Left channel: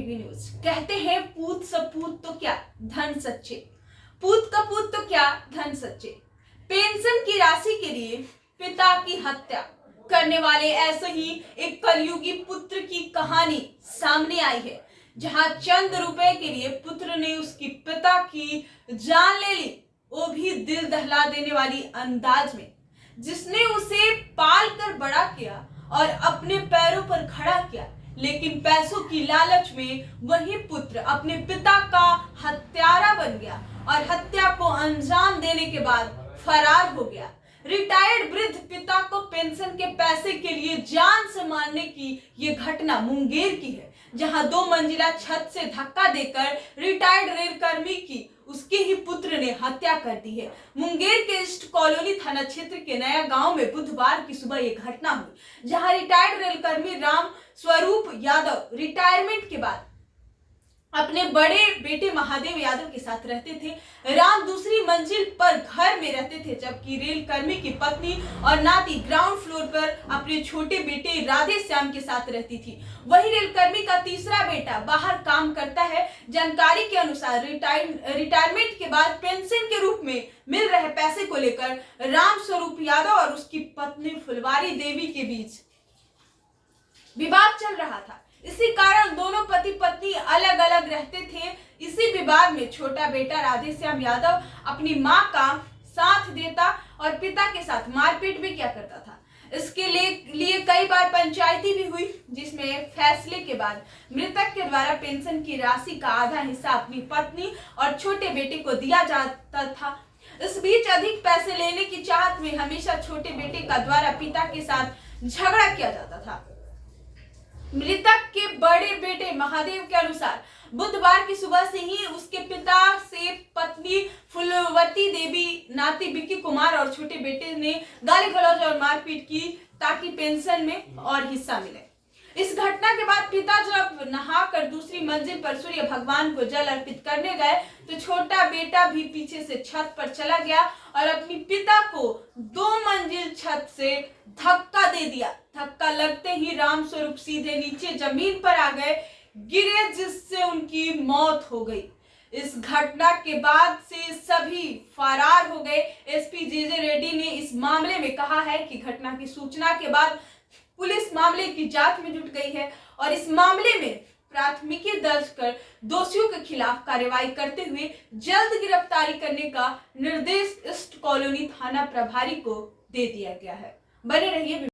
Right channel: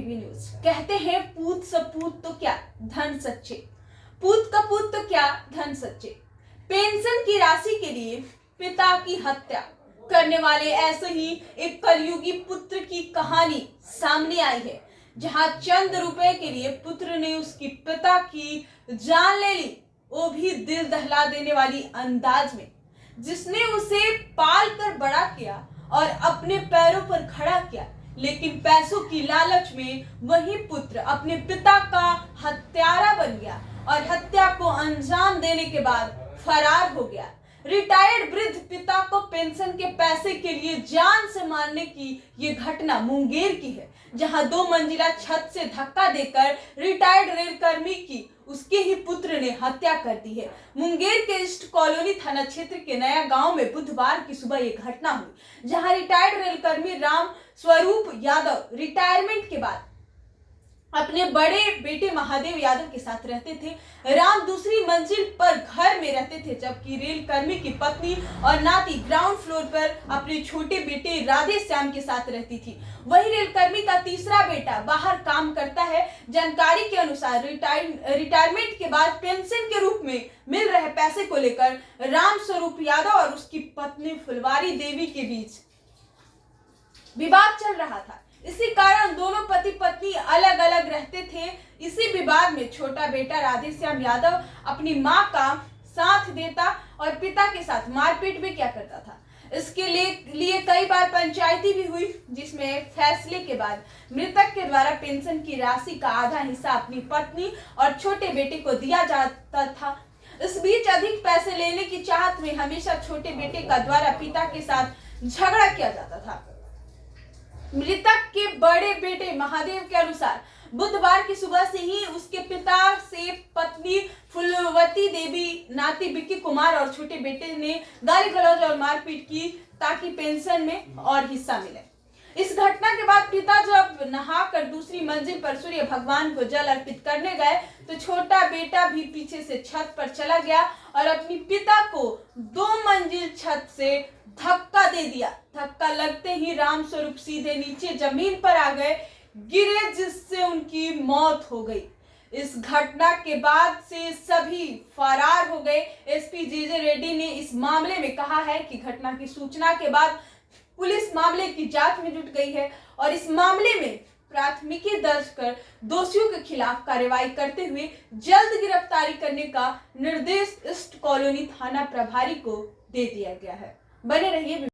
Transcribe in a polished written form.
PB news. कहते हैं पूत सपूत तो क्या धन सच्चे, पूत कपूत तो क्या धन सच्चे। पेंशन की राशि के लिए पिता की हत्या करने वाले ऐसे ही एक कलयुगी पुत्र की कहानी सामने आई है, जहां चंद रुपए के लिए पुत्र ने उसकी पिता की जान ले ली, वो भी दिल दहला देने वाली अंदाज में। जिसने उसे पाल कर बड़ा किया और अपने पैरों पर खड़ा किया, लेकिन पैसों की लालच में वही पुत्र अपने पिता का हत्यारा बन गया और हत्या को अंजाम देने के बाद फरार हो गया। रिटायर्ड वृद्ध पिता को पेंशन के पैसे के लिए जान से मारने की ये घटना मुंगेर की है, जहां 2 मंजिला छत से धक्का देकर रिटायर्ड रेलकर्मी की उसके ही पुत्र ने हत्या कर दी है। मुंगेर के ईस्ट कॉलोनी थाना क्षेत्र के नया गांव में बुधवार की सुबह ये घटना हुई, जहां रिटायर्ड रेलकर्मी राम स्वरूप यादव रिटायरमेंट के बाद अपने बड़े बेटे महादेव यादव के साथ रहते थे। राम दूसरी मंजिल पर घर में रहते थे, जबकि रेलकर्मी की पत्नी और नाती ग्राउंड फ्लोर पर अपने छोटे बेटे राधे श्याम के साथ रहती थी। वही रेलकर्मी का तीसरा बेटा बाहर काम करता है। जानकारी के अनुसार रिटायरमेंट के बाद पेंशन के रूप में मिल रहे पैसे को लेकर राम स्वरूप यादव और उसकी पत्नी फुलवारी देवी के बीच विवाद चल रहा था। इसी कारण दोनों पति पत्नी अलग अलग रहते थे। इसी विवाद में छोटा बेटा राधेश्याम यादव अपनी मां का साथ देता और पिता के साथ मारपीट भी किया करता था। इसके लिए कई बार पंचायती भी हुई, जिसमें फैसले के बाद मृतक के द्वारा पेंशन की राशि का आधा हिस्सा अपनी पत्नी और छोटे बेटे को दिया जाता था। इस बीच अधिक पैसे लेने की चाहत में हमेशा छोटे बेटे का द्वारा पिता के साथ झगड़ा किया जाता था। मृतक के बड़े बेटे महादेव के अनुसार बुधवार की सुबह से ही उसके पिता से पत्नी फुलवती देवी, नाती विक्की कुमार और छोटे बेटे ने गाली गलौज और मारपीट की ताकि पेंशन में और हिस्सा मिले। इस घटना के बाद पिता जब नहाकर दूसरी मंजिल पर सूर्य भगवान को जल अर्पित करने गए, तो छोटा बेटा भी पीछे से छत पर चला गया और अपनी पिता को 2 मंजिल छत से धक्का दे दिया। धक्का लगते ही राम स्वरूप सीधे नीचे जमीन पर आ गए, गिरे, जिससे उनकी मौत हो गई। इस घटना के बाद से सभी फरार हो गए। एसपी जे रेड्डी ने इस मामले में कहा है कि घटना की सूचना के बाद पुलिस मामले की जांच में जुट गई है और इस मामले में प्राथमिकी दर्ज कर दोषियों के खिलाफ कार्रवाई करते हुए जल्द गिरफ्तारी करने का निर्देश ईस्ट कॉलोनी थाना प्रभारी को दे दिया गया है। बने रहिए।